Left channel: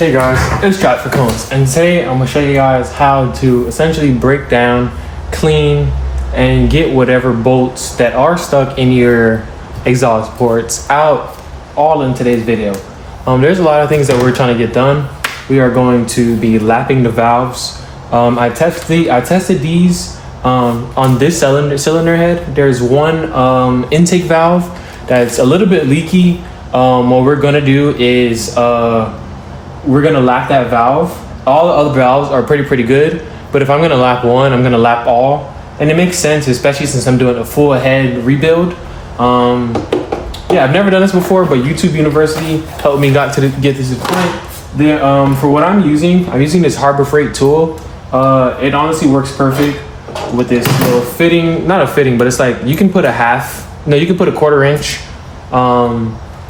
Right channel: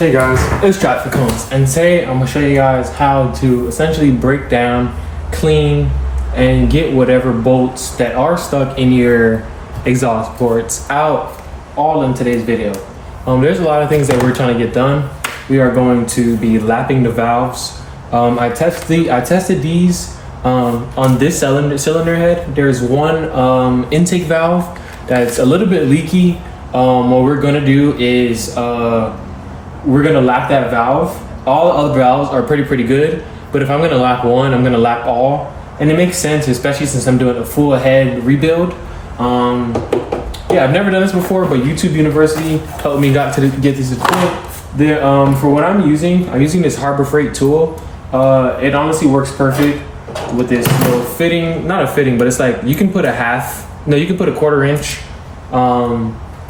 Hey guys, it's Jack for Cones, and today I'm going to show you guys how to essentially break down, clean, and get whatever bolts that are stuck in your exhaust ports out, all in today's video. There's a lot of things that we're trying to get done. We are going to be lapping the valves. I tested these on this cylinder head. There's one intake valve that's a little bit leaky. What we're going to do is we're gonna lap that valve. All the other valves are pretty good, but if I'm gonna lap one, I'm gonna lap all. And it makes sense, especially since I'm doing a full head rebuild. Yeah, I've never done this before, but YouTube University helped me get this to the point. For what I'm using this Harbor Freight tool. It honestly works perfect with this little fitting, not a fitting, but it's like you can put you can put a 1/4 inch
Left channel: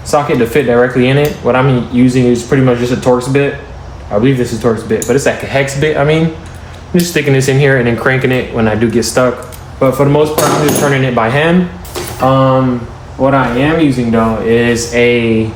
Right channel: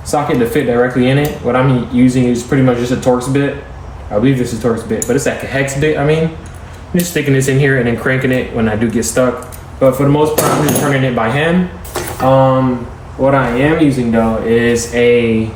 socket to fit directly in it. What I'm using is pretty much just a Torx bit. I believe this is a Torx bit, but it's like a hex bit. I'm just sticking this in here and then cranking it when I do get stuck. But for the most part, I'm just turning it by hand. What I am using though is a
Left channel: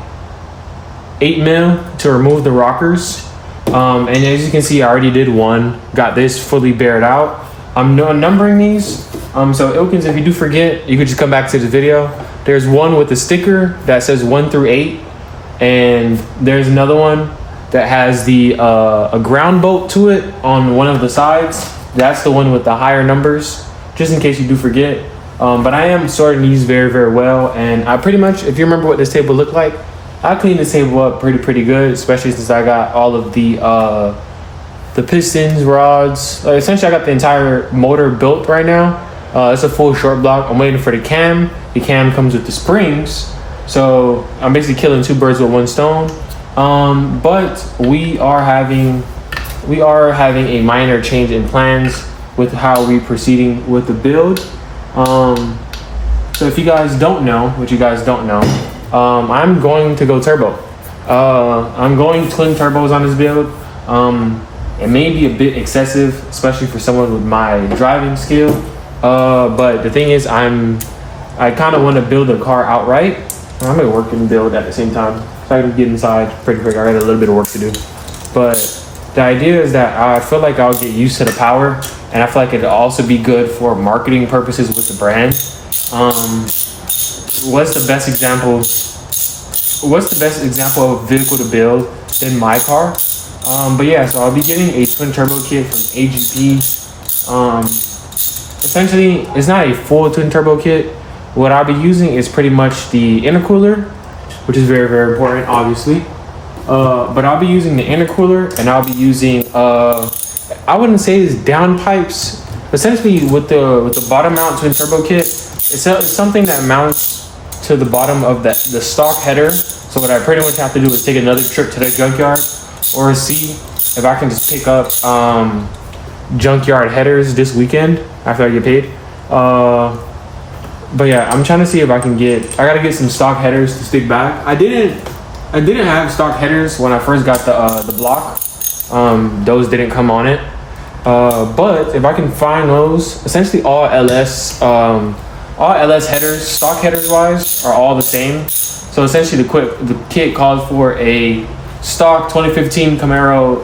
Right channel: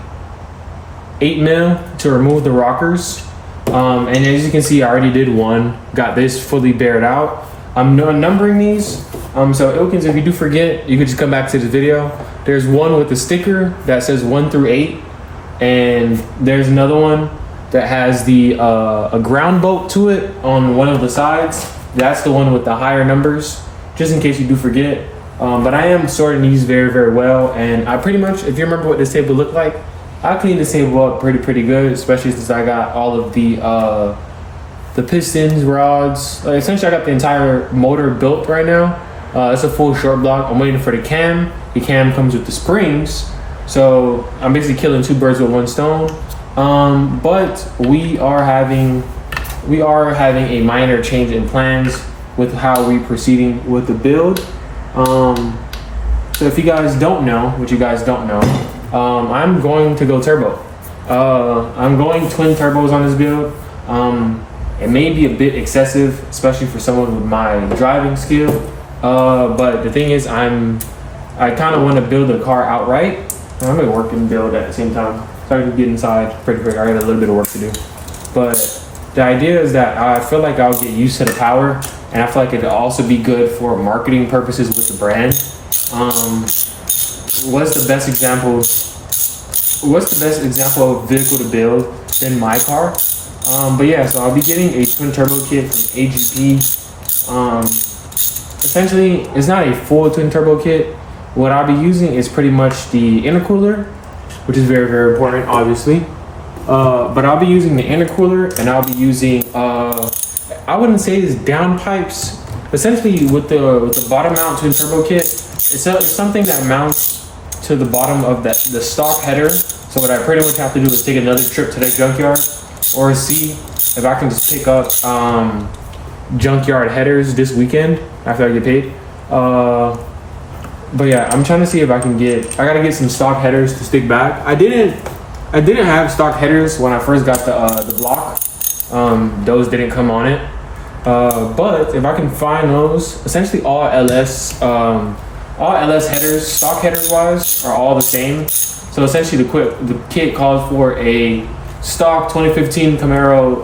8mm to remove the rockers. And as you can see, I already did one. Got this fully bared out. I'm numbering these. So Ilkins, if you do forget, you could just come back to the video. There's one with a sticker that says 1 through 8, and there's another one that has a ground bolt to it on one of the sides. That's the one with the higher numbers, just in case you do forget. But I am sorting these very well, and I pretty much, if you remember what this table looked like, I cleaned this table up pretty good, especially since I got all of the pistons, rods. Essentially, I got the entire motor built right now. It's a full short block. I'm waiting for the cam. The cam comes with the springs, so I'm basically killing two birds with one stone. But we are having a minor change in plans with how we're proceeding with the build. So if you guys don't know, I'm going to go turbo. I'm going twin turbos on this build. It may be a bit excessive, especially for someone with my driving skill. But the thing is, I kind of want to build a car outright. I'm gonna work and build at the same time, so I can get inside pretty quick. I got a little bit of work to do, but the idea is that I feel like I'll get used to the power, and I feel like it'll also be good for marketing purposes with the brand. What's the best example of vehicle to build than my car? But yeah, so I'll be getting a twin turbo kit from AGP. Essentially, it's not a full twin turbo kit. What I'll be using is pretty much the intercooler, which is very important, obviously. But I'll be using the intercooler, and I'll be using I wouldn't say it's down pipes. Essentially, with the bottom mount twin turbo kit, it's something that mounts to the bottom of the stock header. So what I pretty much have to do is take another trip to the junkyard, or see if I can just pick up junkyard headers this weekend after I get paid. But yeah, I'm trying to see if I gotta get some stock headers to stick back. I didn't have stock headers when I first got the block. Those didn't come on it. But if I can find those, essentially all LS headers, stock headers wise, are all the same. So essentially the kit calls for a stock 2015 Camaro,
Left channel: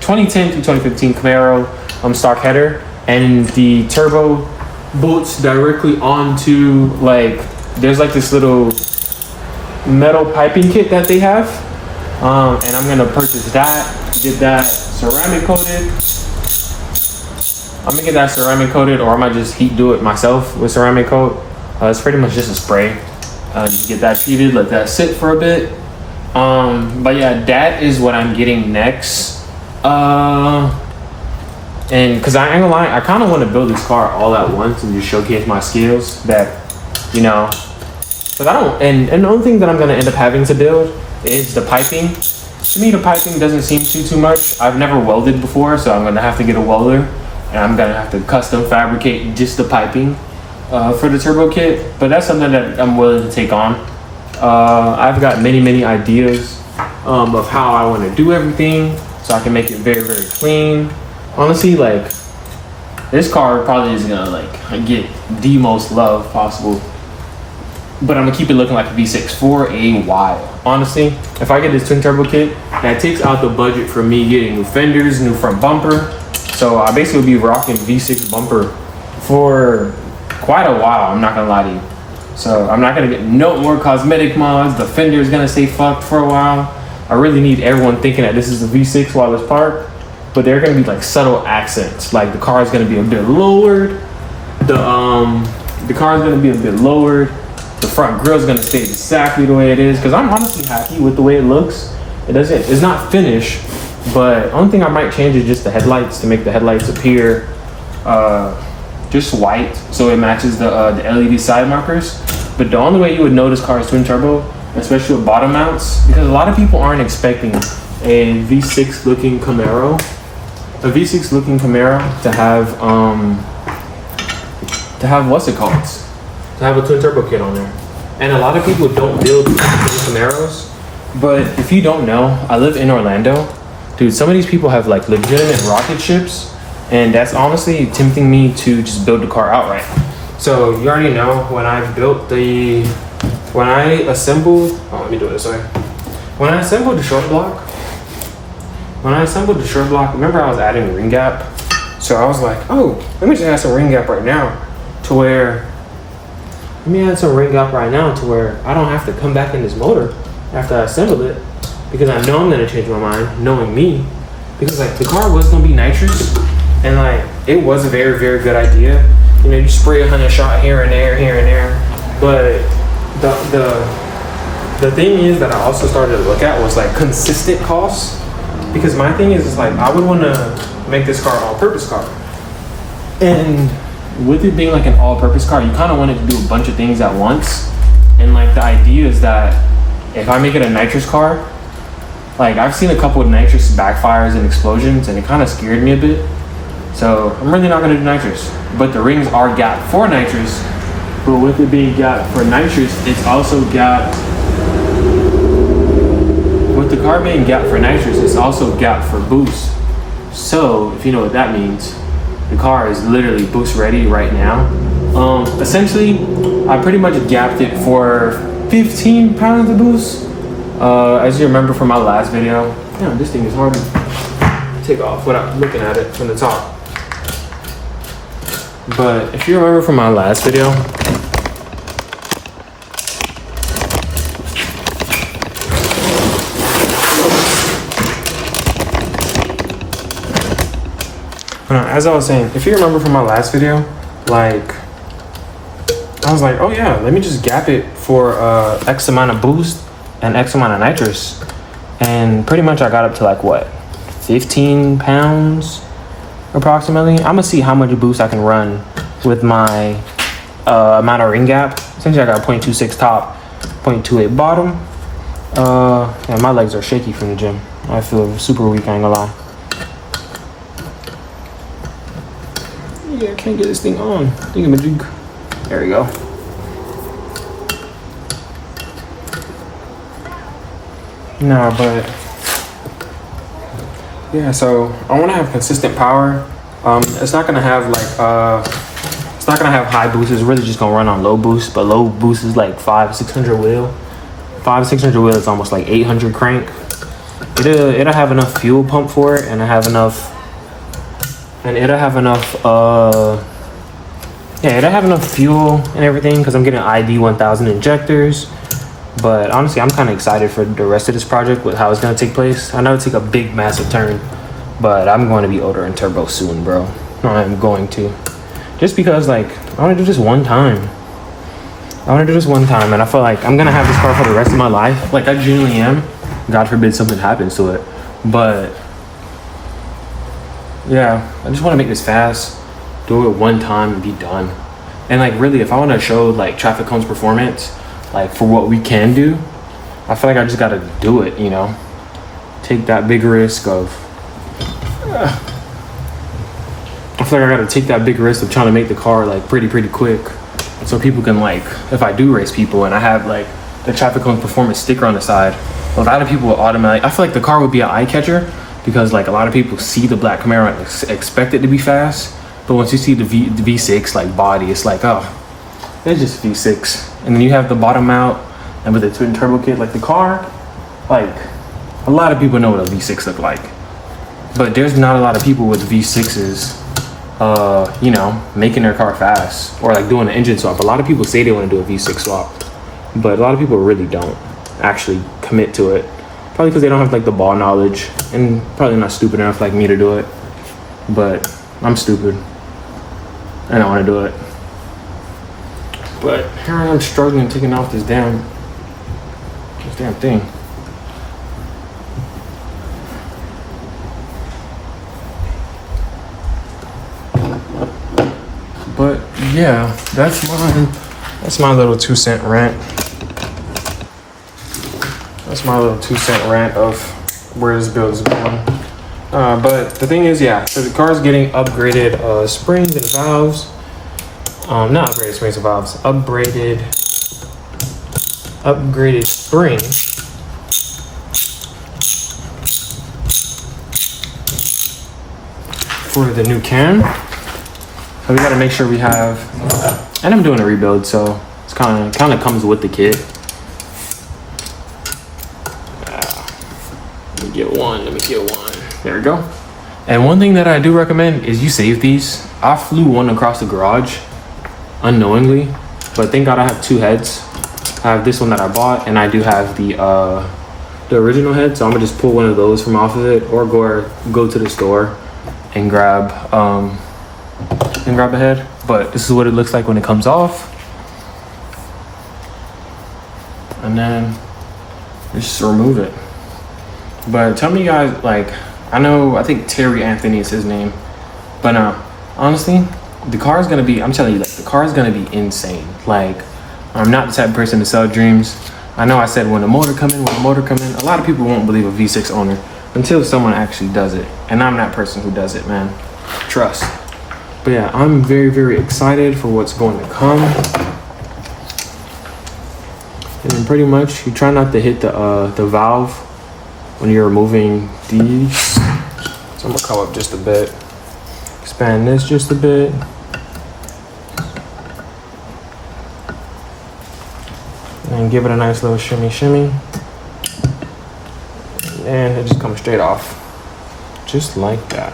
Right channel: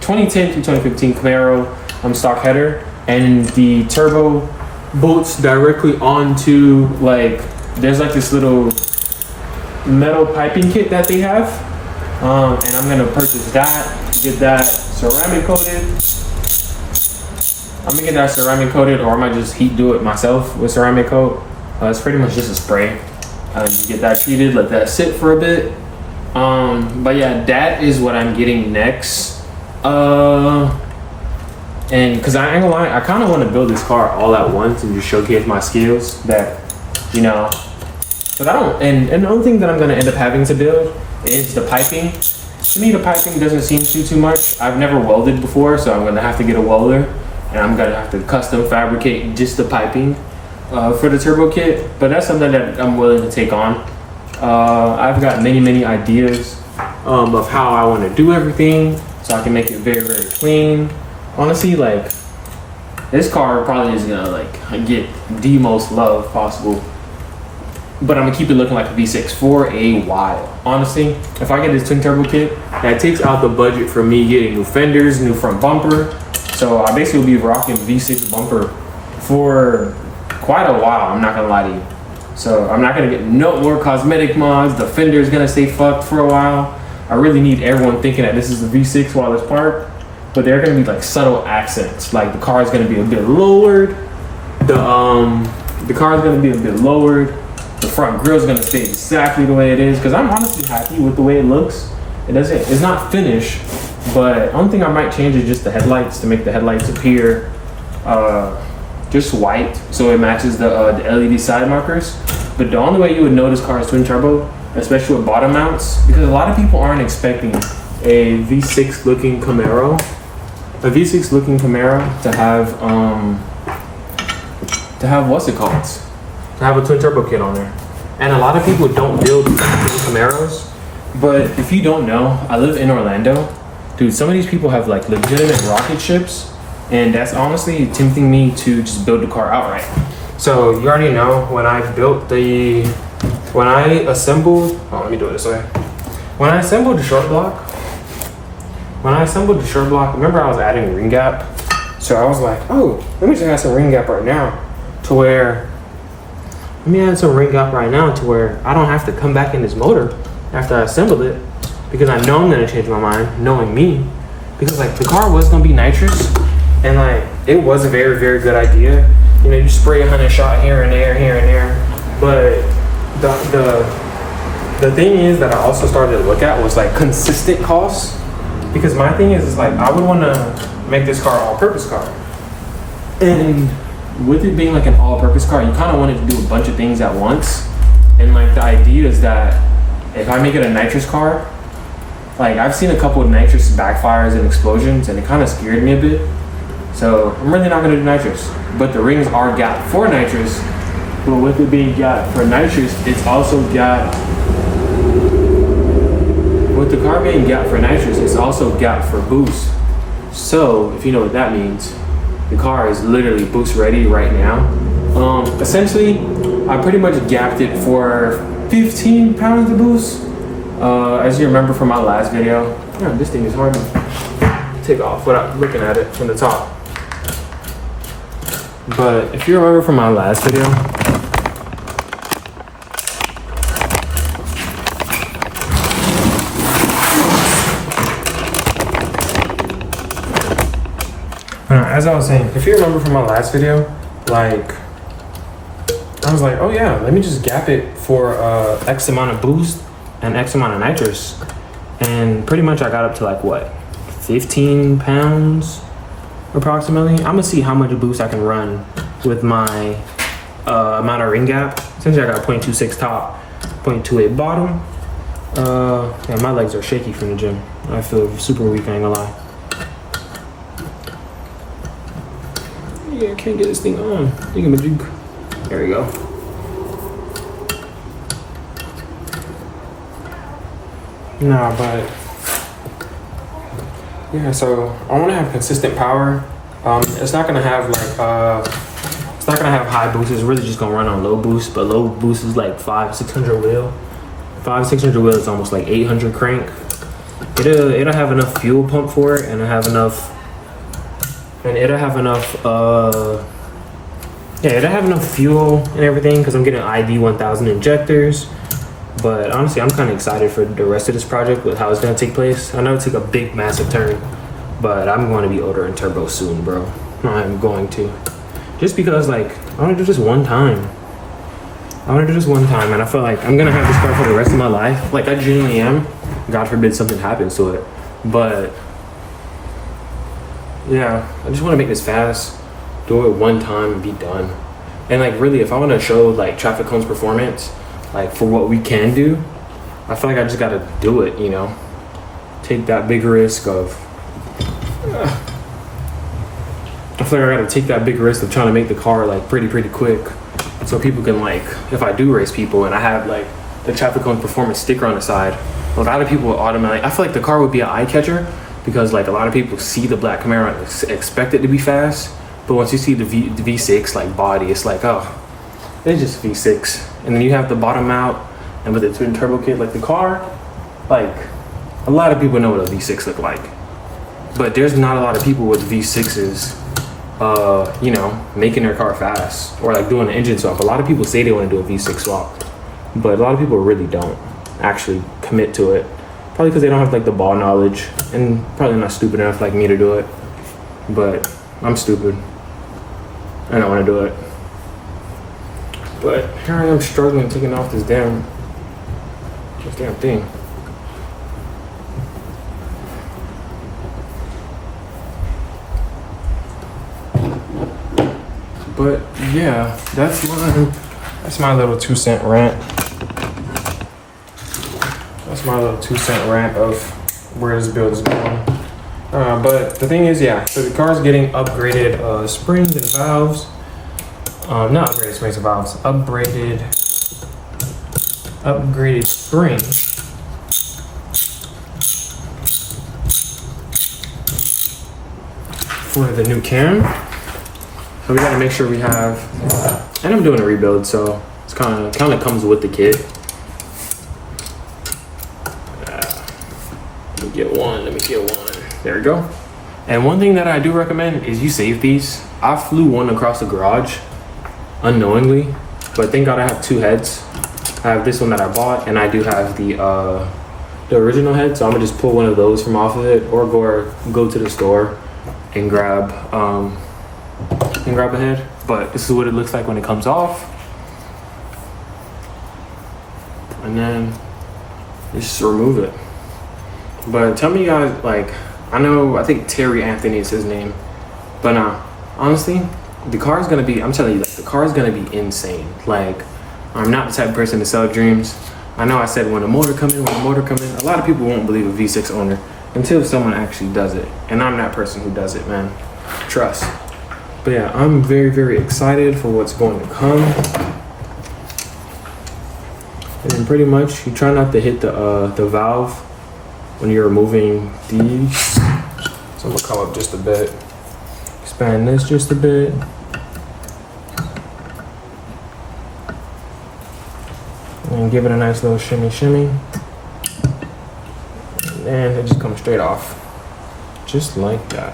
2010 to 2015 Camaro stock header, and the turbo bolts directly onto, like, there's like this little metal piping kit that they have, and I'm gonna purchase that, get that ceramic coated. I'm gonna get that ceramic coated, or I might just heat do it myself with ceramic coat. It's pretty much just a spray. You get that treated, let that sit for a bit. But yeah, that is what I'm getting next. And because I ain't gonna lie, I kind of want to build this car all at once and just showcase my skills that, because and the only thing that I'm gonna end up having to build is the piping. To me, the piping doesn't seem too much. I've never welded before, so I'm gonna have to get a welder, and I'm gonna have to custom fabricate just the piping for the turbo kit. But that's something that I'm willing to take on. I've got many ideas of how I want to do everything, so I can make it very clean. Honestly, like, this car probably is gonna get the most love possible. but I'm gonna keep it looking like a V6 for a while. Honestly, if I get this twin turbo kit, that takes out the budget for me getting new fenders, new front bumper. So I basically will be rocking V6 bumper for quite a while, I'm not gonna lie to you. So I'm not gonna get no more cosmetic mods. The fender is gonna stay fucked for a while. I really need everyone thinking that this is the V6 while it's parked, but they're gonna be like subtle accents. Like the car is gonna be a bit lowered. The car is gonna be a bit lowered. The front grille is gonna stay exactly the way it is, because I'm honestly happy with the way it looks. It's not finished, but only thing I might change is just the headlights, to make the headlights appear just white, so it matches the LED side markers. But the only way you would know this car is twin turbo, especially with bottom mounts, because a lot of people aren't expecting a V6 looking Camaro, to have what's it called? To have a twin turbo kit on there. And a lot of people don't build Camaros, but if you don't know, I live in Orlando. Dude, some of these people have like legitimate rocket ships, and that's honestly tempting me to just build the car outright. So you already know when I assembled, let me do it this way. When I assembled the short block, remember I was adding ring gap? So I was like, oh, let me just add some ring gap right now to where I don't have to come back in this motor after I assemble it, because I know I'm gonna change my mind, knowing me, because like the car was gonna be nitrous, and like it was a very, very good idea. You know, you spray 100 shot here and there, but the thing is that I also started to look at was like consistent costs, because my thing is like I would want to make this car all-purpose car, and with it being like an all-purpose car, you kind of wanted to do a bunch of things at once. And like the idea is that if I make it a nitrous car, like I've seen a couple of nitrous backfires and explosions, and it kind of scared me a bit. So I'm really not going to do nitrous, but the rings are gapped for nitrous. But with it being gapped for nitrous, it's also gapped. With the car being gapped for nitrous, it's also gapped for boost. So if you know what that means, the car is literally boost ready right now. Essentially, I pretty much gapped it for 15 pounds of boost. As you remember from my last video, this thing is hard to take off without looking at it from the top. But if you remember from my last video, as I was saying, if you remember from my last video, like I was like, oh yeah, let me just gap it for X amount of boost and X amount of nitrous, and pretty much I got up to like what, 15 pounds approximately. I'm gonna see how much boost I can run with my amount of ring gap. Essentially I got 0.26 top, 0.28 bottom. And my legs are shaky from the gym. I feel super weak, I ain't gonna lie. Yeah, I can't get this thing on. There we go. No, but yeah, so I want to have consistent power. It's not gonna have like it's not gonna have high boost. It's really just gonna run on low boost, but low boost is like 500-600 wheel. 500-600 wheel is almost like 800 crank. It'll have enough fuel pump for it, and it'll have enough fuel and everything, because I'm getting ID 1000 injectors. But honestly, I'm kind of excited for the rest of this project with how it's going to take place. I know it took a big, massive turn, but I'm going to be ordering turbo soon, bro. I'm going to. Just because, like, I want to do this one time. And I feel like I'm going to have this car for the rest of my life. Like, I genuinely am. God forbid something happens to it. But yeah, I just want to make this fast, do it one time and be done. And like really, if I want to show like traffic cones performance, like for what we can do, I feel like I just got to do it, you know, take that big risk of, I feel like I got to take that big risk of trying to make the car like pretty quick, so people can like, if I do race people and I have like the traffic cone performance sticker on the side, a lot of people will automatically, I feel like the car would be an eye catcher, because like a lot of people see the black Camaro and expect it to be fast, but once you see the V6 like body, it's like, oh, It's just V6, and then you have the bottom out, and with the twin turbo kit, like the car, like a lot of people know what a V6 look like, but there's not a lot of people with V6s, you know, making their car fast or like doing an engine swap. A lot of people say they want to do a V6 swap, but a lot of people really don't actually commit to it. Probably because they don't have like the ball knowledge, and probably not stupid enough like me to do it. But I'm stupid, and I want to do it. But here I am struggling taking off this damn thing. But yeah, that's my little 2-cent rant. That's my little 2-cent rant of where this build is going. But the thing is, yeah, so the car's getting upgraded springs and valves. Not upgraded springs and valves, upgraded springs. For the new cam. So we gotta make sure we have, and I'm doing a rebuild, so it's kind of comes with the kit. Let me get one. There we go. And one thing that I do recommend is you save these. I flew one across the garage unknowingly, but thank God I have 2 heads. I have this one that I bought, and I do have the original head, so I'm gonna just pull one of those from off of it, or go to the store and grab a head. But this is what it looks like when it comes off, and then just remove it. But tell me, guys, like, I think Terry Anthony is his name, but honestly, the car is gonna be, I'm telling you, like, the car is gonna be insane. Like, I'm not the type of person to sell dreams. I know I said when the motor come in, a lot of people won't believe a V6 owner until someone actually does it, and I'm that person who does it, man. Trust. But yeah, I'm very, very excited for what's going to come. And then pretty much you try not to hit the valve when you're removing these. So I'm gonna come up just a bit, expand this just a bit. And give it a nice little shimmy. And it just comes straight off. Just like that.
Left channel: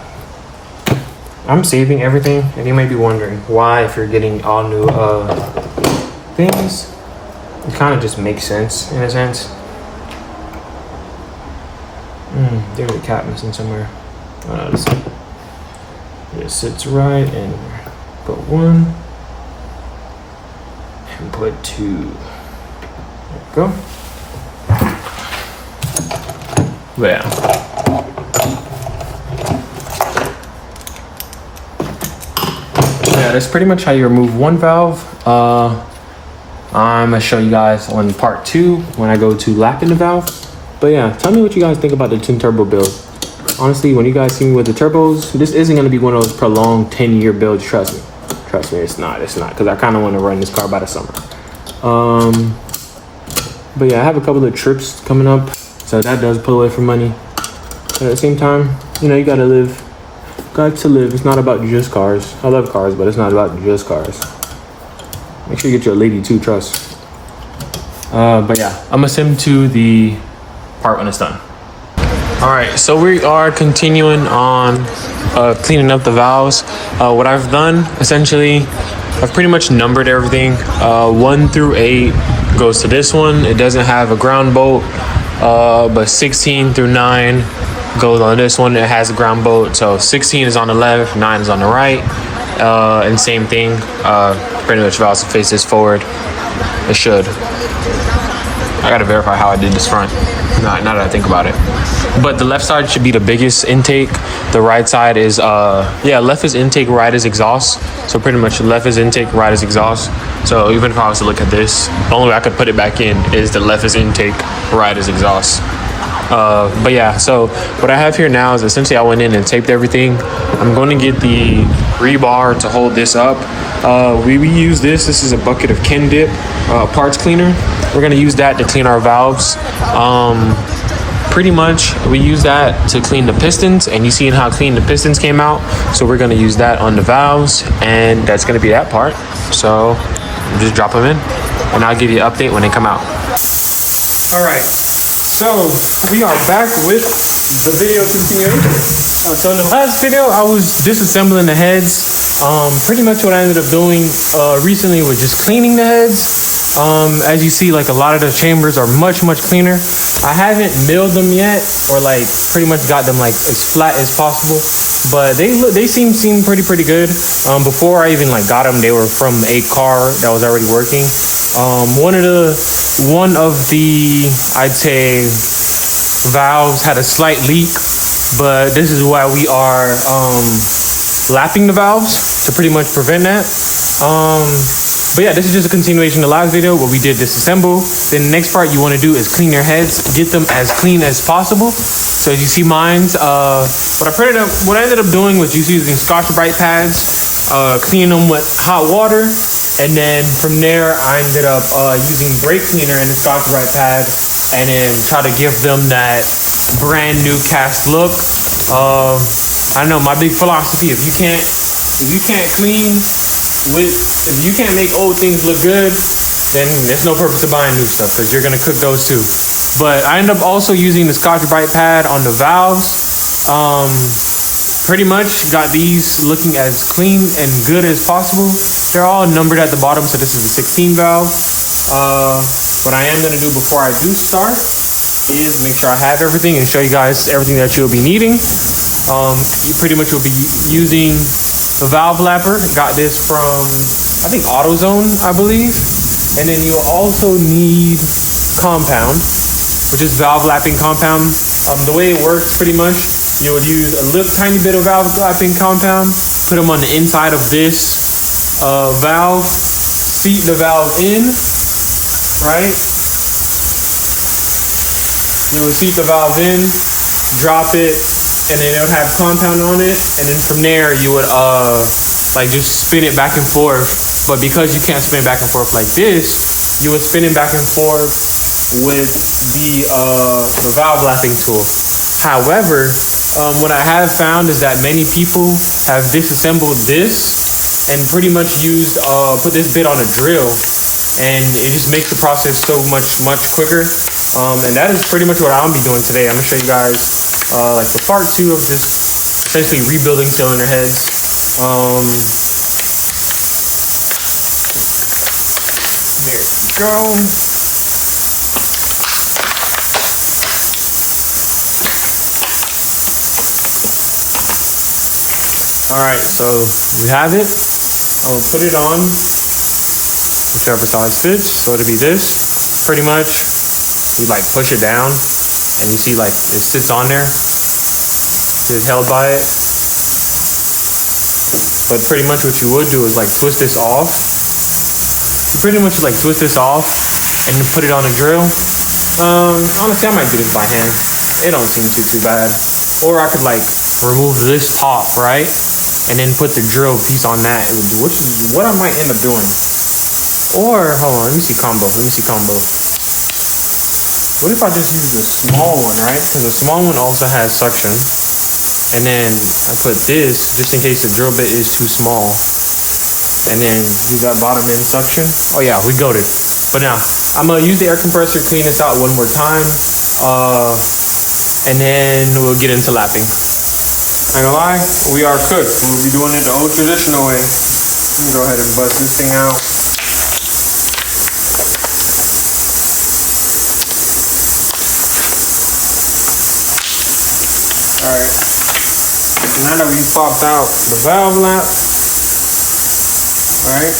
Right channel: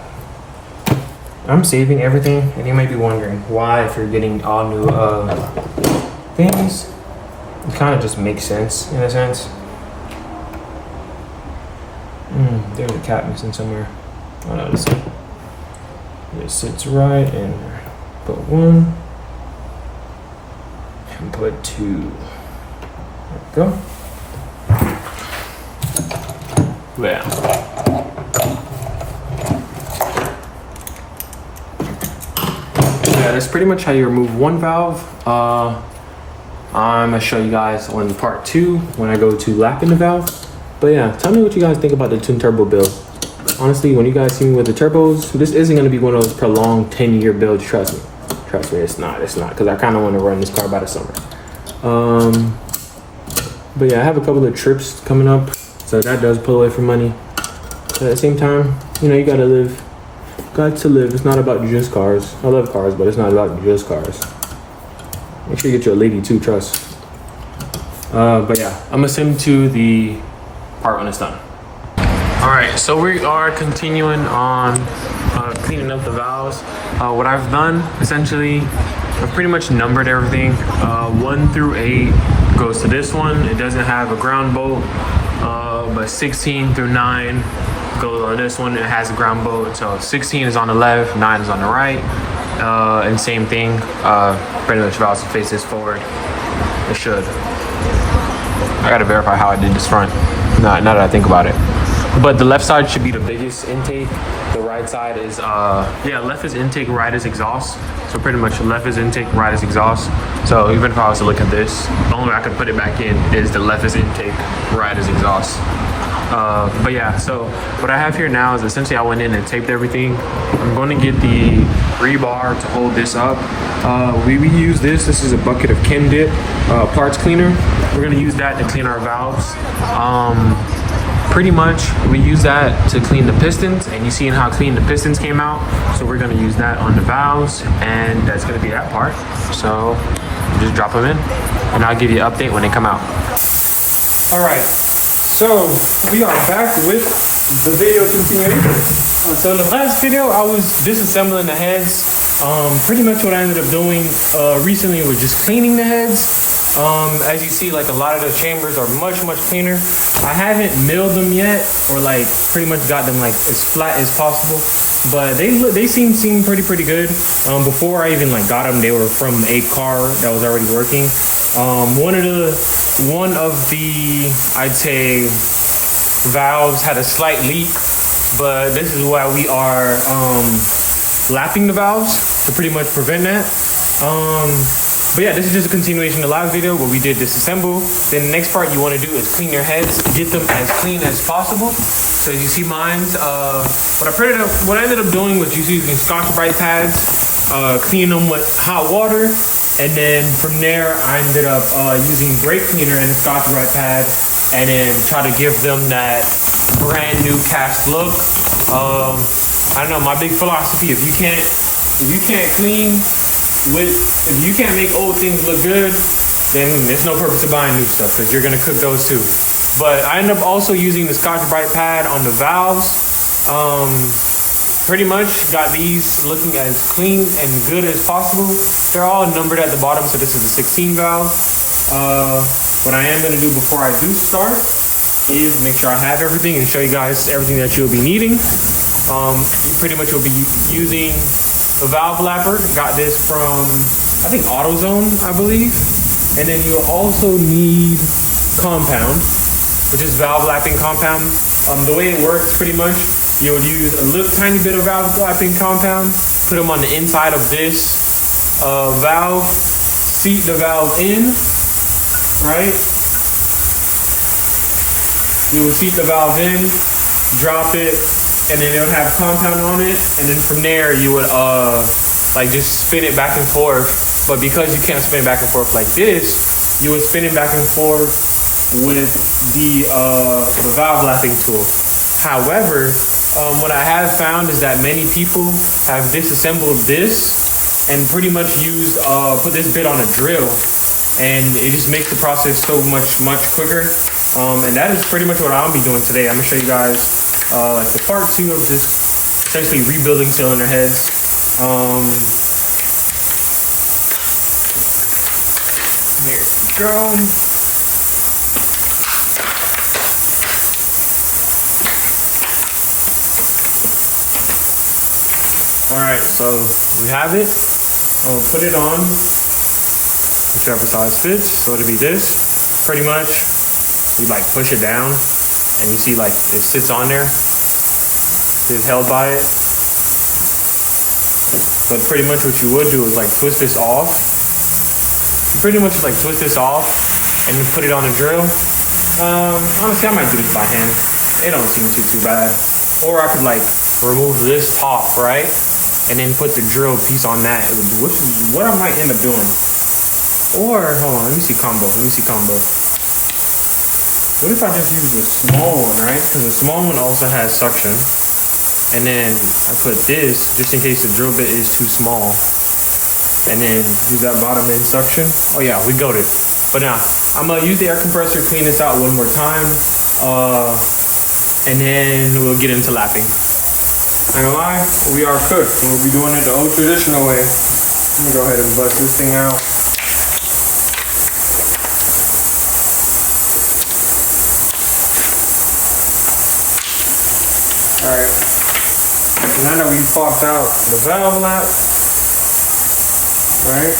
I'm saving everything, and you might be wondering why, if you're getting all new things. It kind of just makes sense in a sense. There's a cap missing somewhere. Oh no, this one. It sits right in there. Put 1 and put 2. There we go. But yeah. That's pretty much how you remove one valve. I'm gonna show you guys on part 2 when I go to lapping the valve. But yeah, tell me what you guys think about the twin turbo build. Honestly, when you guys see me with the turbos, this isn't gonna be one of those prolonged 10-year builds. Trust me, it's not. Because I kind of want to run this car by the summer. But yeah, I have a couple of trips coming up, so that does pull away from money. But at the same time, you know, you gotta live. Got to live. It's not about just cars. I love cars, but it's not about just cars. Make sure you get your lady too, trust. But yeah, I'm gonna send to the part when it's done. All right, so we are continuing on cleaning up the valves. What I've done, essentially, I've pretty much numbered everything. 1 through 8 goes to this one. It doesn't have a ground bolt, but 16 through 9 goes on this one. It has a ground bolt, so 16 is on the left, 9 is on the right, and same thing. Pretty much valves faces forward. It should. I gotta verify how I did this front. Now that I think about it, but the left side should be the biggest intake. The right side is left is intake, right is exhaust. So pretty much left is intake, right is exhaust. So even if I was to look at this, the only way I could put it back in is the left is intake, right is exhaust. But yeah, so what I have here now is essentially I went in and taped everything. I'm going to get the rebar to hold this up. We use this is a bucket of Ken Dip parts cleaner. We're going to use that to clean our valves. Pretty much we use that to clean the pistons, and you seen how clean the pistons came out. So we're going to use that on the valves, and that's going to be that part. So just drop them in, and I'll give you an update when they come out. All right, so we are back with the video continuation. So in the last video, I was disassembling the heads. Pretty much what I ended up doing recently was just cleaning the heads. As you see, like a lot of the chambers are much cleaner. I haven't milled them yet, or like pretty much got them like as flat as possible, but they seem pretty good. Before I even like got them, they were from a car that was already working. One of the I'd say valves had a slight leak, but this is why we are lapping the valves to pretty much prevent that. But yeah, this is just a continuation of the last video where we did disassemble. Then the next part you want to do is clean your heads, get them as clean as possible. So as you see mine's, what I ended up doing was just using Scotch-Brite pads, cleaning them with hot water, and then from there I ended up using brake cleaner and the Scotch-Brite pad, and then try to give them that brand new cast look. I know my big philosophy: if you can't clean if you can't make old things look good, then there's no purpose of buying new stuff, because you're gonna cook those too. But I ended up also using the Scotch-Brite pad on the valves. Pretty much got these looking as clean and good as possible. They're all numbered at the bottom, so this is a 16 valve. What I am gonna do before I do start is make sure I have everything and show you guys everything that you'll be needing. You pretty much will be using a valve lapper. Got this from, I think, AutoZone, I believe. And then you'll also need compound, which is valve lapping compound. The way it works, pretty much, you would use a little tiny bit of valve lapping compound, put them on the inside of this valve, seat the valve in, right? You would seat the valve in, drop it, and then it would have compound on it, and then from there you would like just spin it back and forth. But because you can't spin back and forth like this, you would spin it back and forth with the valve lapping tool. However, what I have found is that many people have disassembled this and pretty much used put this bit on a drill, and it just makes the process so much quicker. And that is pretty much what I'll be doing today. I'm gonna show you guys like the part 2 of just essentially rebuilding cylinder heads. There we go. All right, so you have it. I'll put it on whichever size fits. So it'll be this, pretty much. We like push it down, and you see like it sits on there. It's held by it. But pretty much what you would do is like twist this off. You pretty much like twist this off and then put it on a drill. Honestly, I might do this by hand. It don't seem too bad. Or I could like remove this top, right? And then put the drill piece on that, which is what I might end up doing. Or, hold on, let me see combo. What if I just use the small one, right? Because the small one also has suction. And then I put this, just in case the drill bit is too small. And then use that bottom end suction. Oh yeah, we got it. But now, I'm gonna use the air compressor, clean this out one more time. And then we'll get into lapping. I ain't gonna lie, we are cooked. We'll be doing it the old traditional way. Let me go ahead and bust this thing out. Alright, so now that we've popped out the valve lap, alright.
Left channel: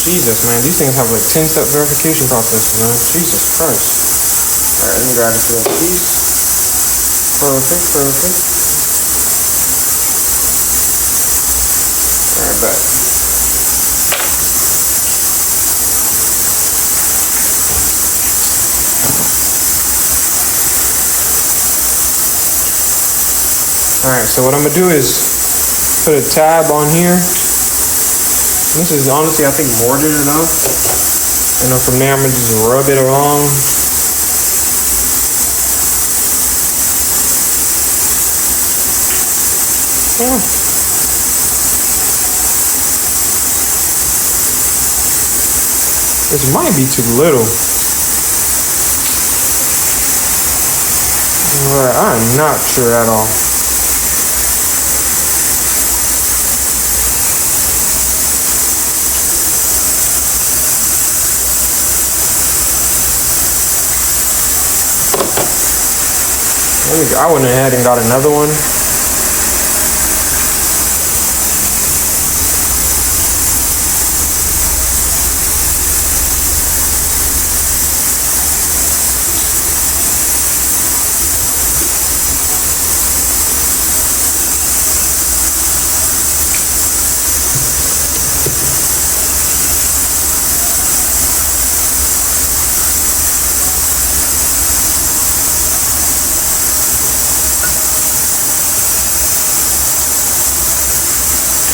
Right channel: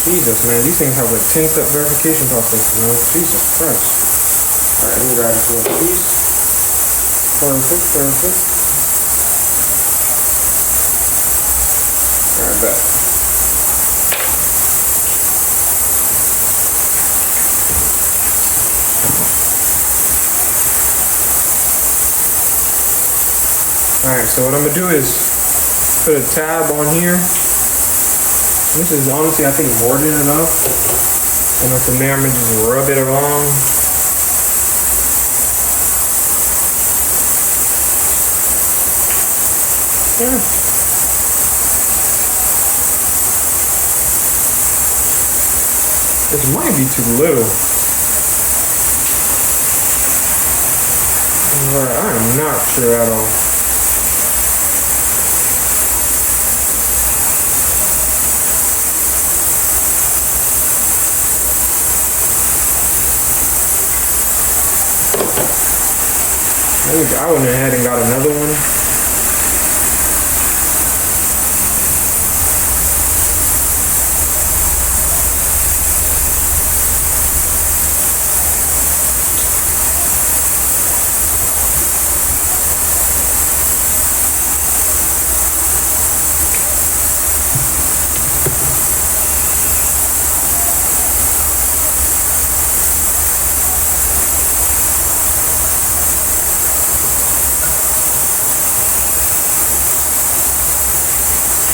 Jesus, man, these things have like 10-step verification processes, man. Jesus Christ. Alright, let me grab this little piece. Perfect. Alright, back. Alright, so what I'm gonna do is put a tab on here. This is honestly, I think, more than enough. And then from there, I'm gonna just rub it along. Yeah. This might be too little. I'm not sure at all. I went ahead and got another one.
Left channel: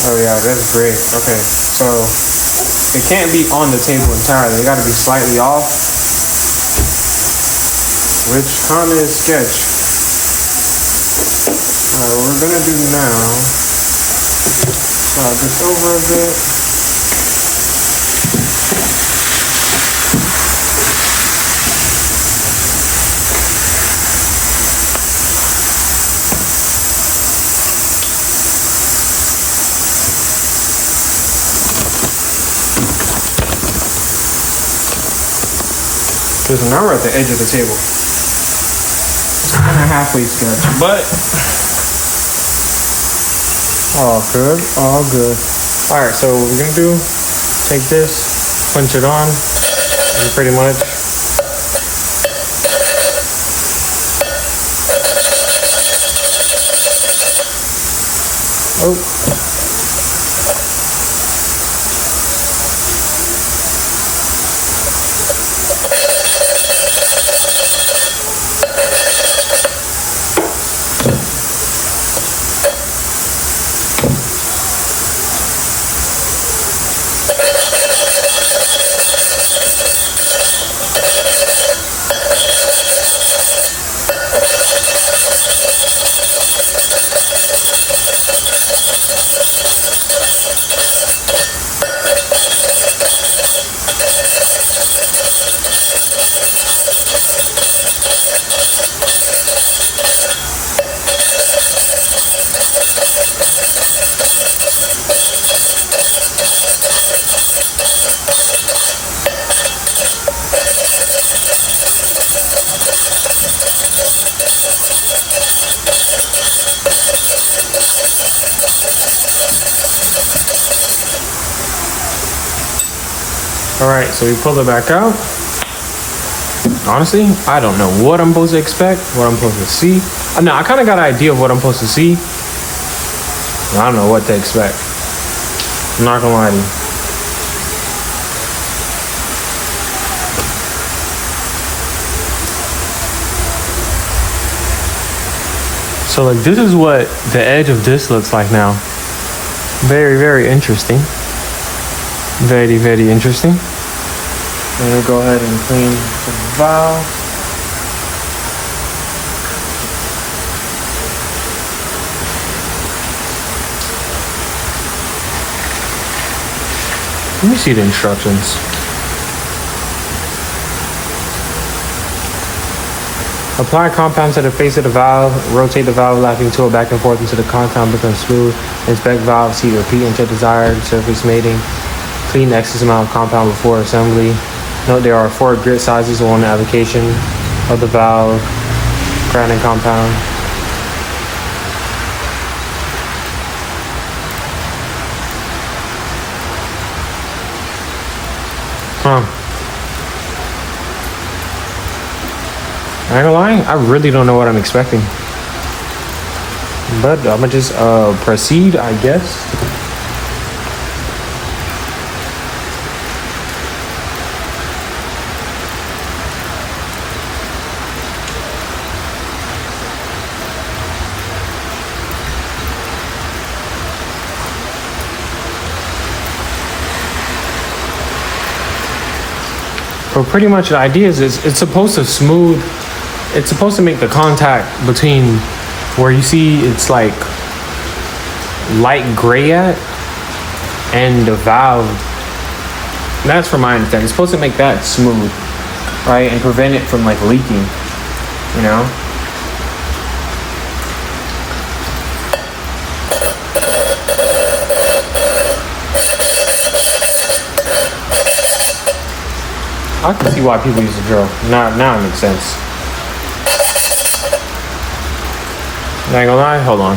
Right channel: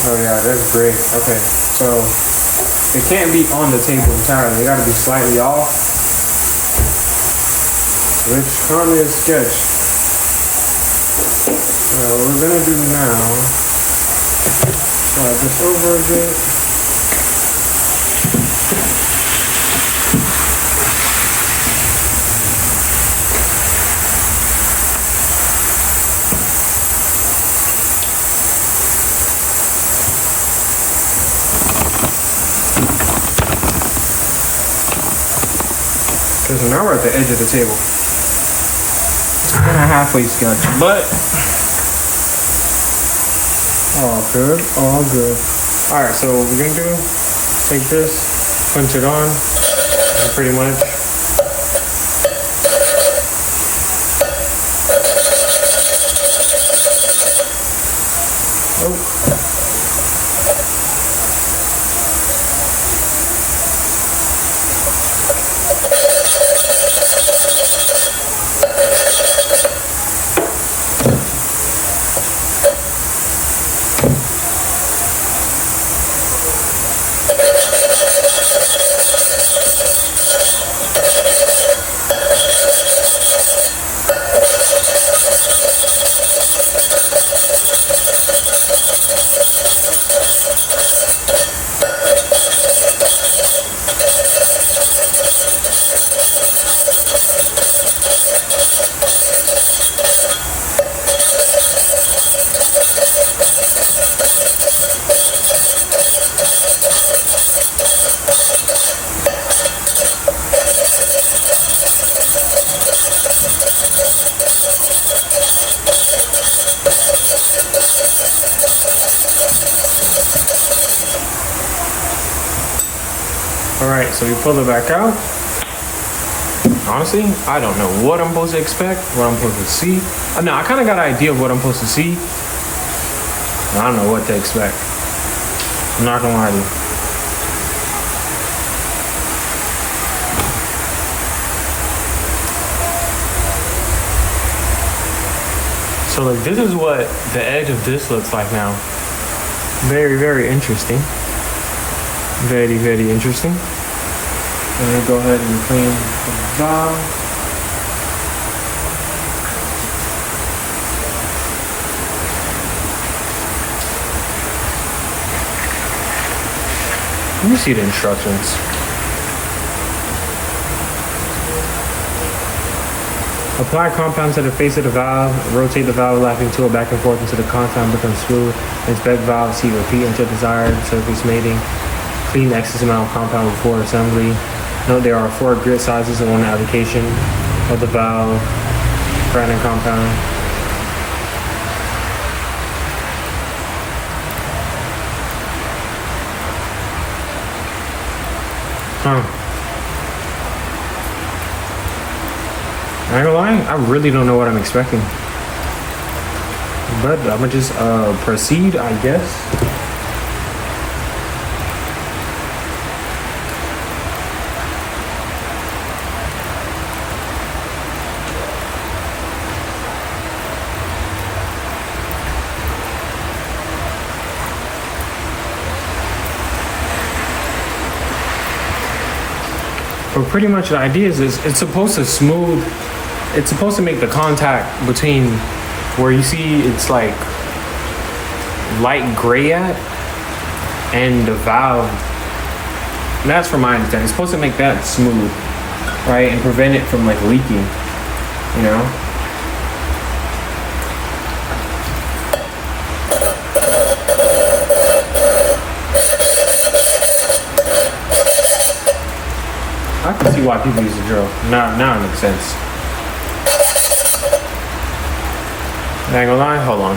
Oh yeah, that's great. Okay, so it can't be on the table entirely. It got to be slightly off, which kind of is sketch. What we're gonna do now, slide this over a bit. Because now we're at the edge of the table. It's kind of halfway sketch, but all good, all good. All right, so what we're gonna do, take this, punch it on, and pretty much Alright, so we pull it back out. Honestly, I don't know what I'm supposed to expect, what I'm supposed to see. No, I kind of got an idea of what I'm supposed to see. I don't know what to expect. I'm not gonna lie to you. So like, this is what the edge of this looks like now. Very, very interesting. Very, very interesting. And we'll go ahead and clean the valve. Let me see the instructions. Apply compound to the face of the valve. Rotate the valve locking tool back and forth until the compound becomes smooth. Inspect valve seat. Repeat until desired surface mating. Clean the excess amount of compound before assembly. Note there are 4 grit sizes on the application of the valve, grounding compound. I ain't gonna lie, I really don't know what I'm expecting. But I'm gonna just proceed, I guess. But pretty much the idea is it's supposed to smooth, it's supposed to make the contact between where you see it's like light gray at and the valve That's from my understanding. It's supposed to make that smooth, right, and prevent it from like leaking. You know. I can see why people use the drill. Now it makes sense. Not gonna lie, hold on.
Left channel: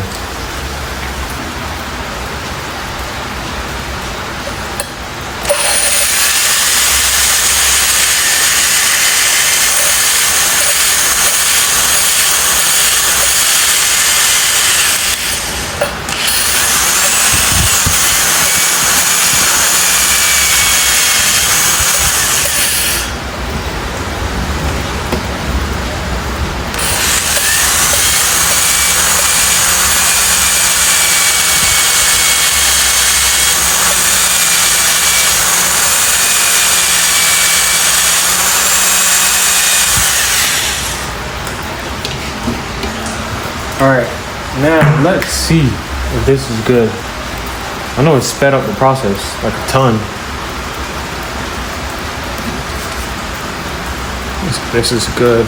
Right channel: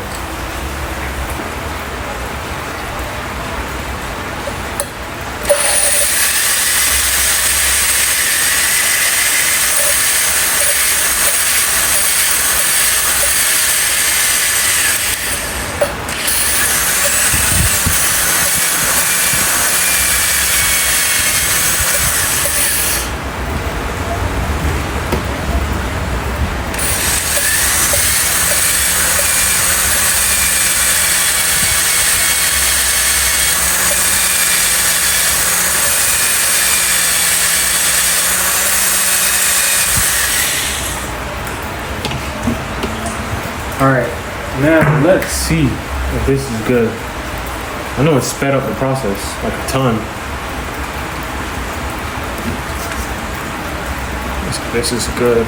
All right, now let's see if this is good. I know it sped up the process like a ton. This is good.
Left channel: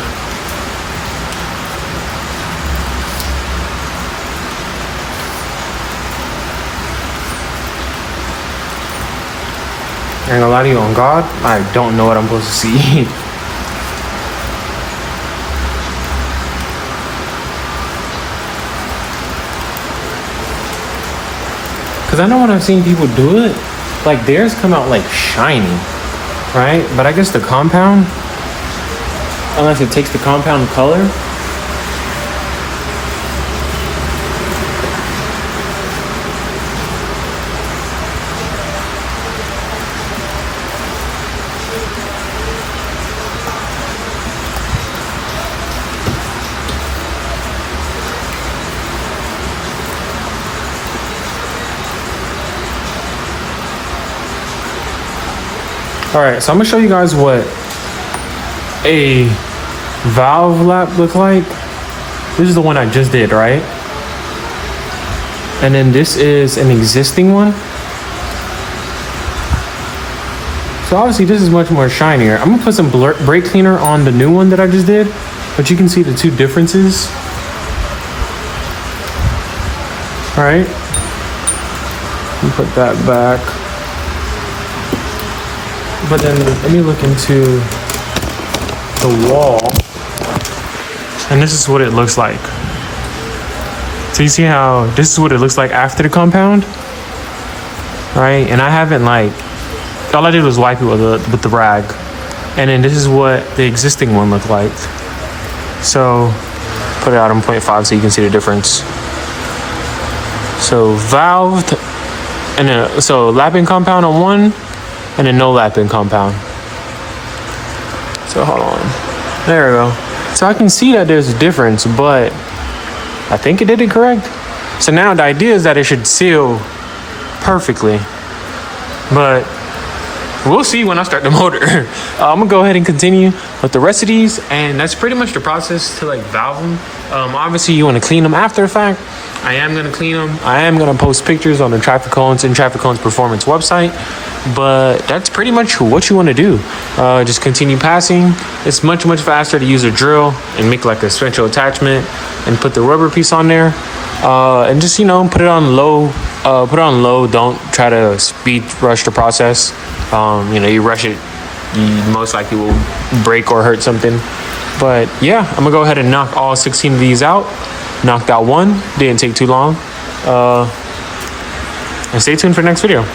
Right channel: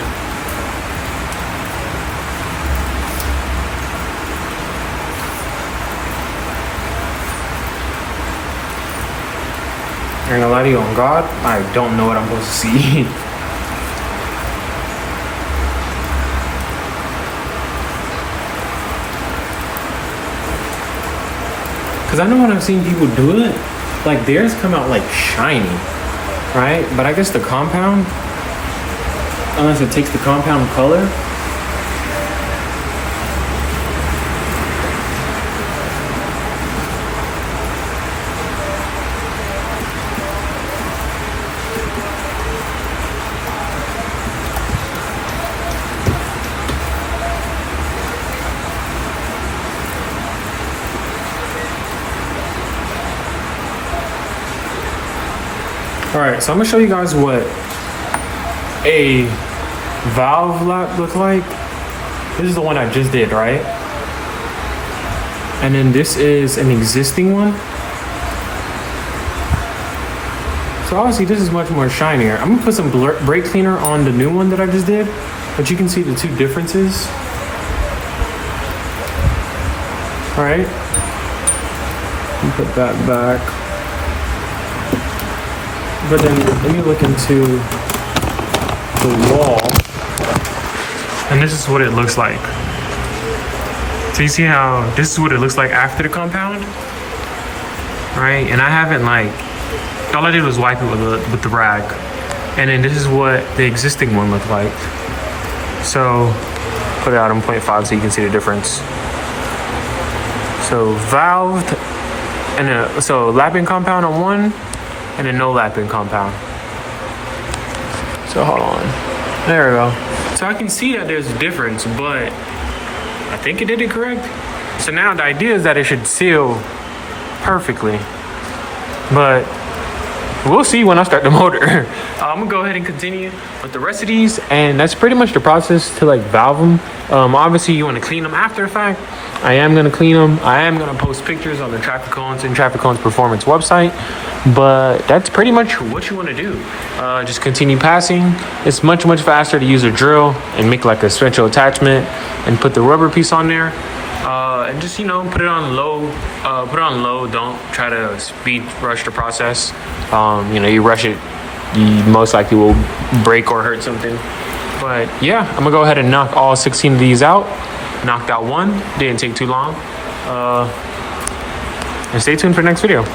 I ain't gonna lie to you, on God, I don't know what I'm supposed to see. Because I know when I've seen people do it, like theirs come out like shiny, right? But I guess the compound, unless it takes the compound color. All right, so I'm gonna show you guys what a valve lap looks like. This is the one I just did, right? And then this is an existing one. So obviously this is much more shinier. I'm gonna put some brake cleaner on the new one that I just did, but you can see the two differences. All right, let me put that back. But then let me look into the wall. And this is what it looks like. So you see how this is what it looks like after the compound? Right? And I haven't all I did was wipe it with the rag. And then this is what the existing one looked like. So put it out on 0.5 so you can see the difference. So valved, and then so lapping compound on one, and then no lapping compound. So hold on, there we go. So I can see that there's a difference, but I think it did it correct. So now the idea is that it should seal perfectly, but we'll see when I start the motor. I'm gonna go ahead and continue with the rest of these, and that's pretty much the process to valve them. Obviously you want to clean them after the fact. I am gonna clean them. I am gonna post pictures on the Traffic Cones and Traffic Cones Performance website. But that's pretty much what you want to do. Just continue passing. It's much faster to use a drill and make like a special attachment and put the rubber piece on there, and just put it on low. Don't try to speed rush the process. You rush it, you most likely will break or hurt something. But yeah, I'm gonna go ahead and knock all 16 of these out. Knocked out one, didn't take too long. And stay tuned for the next video.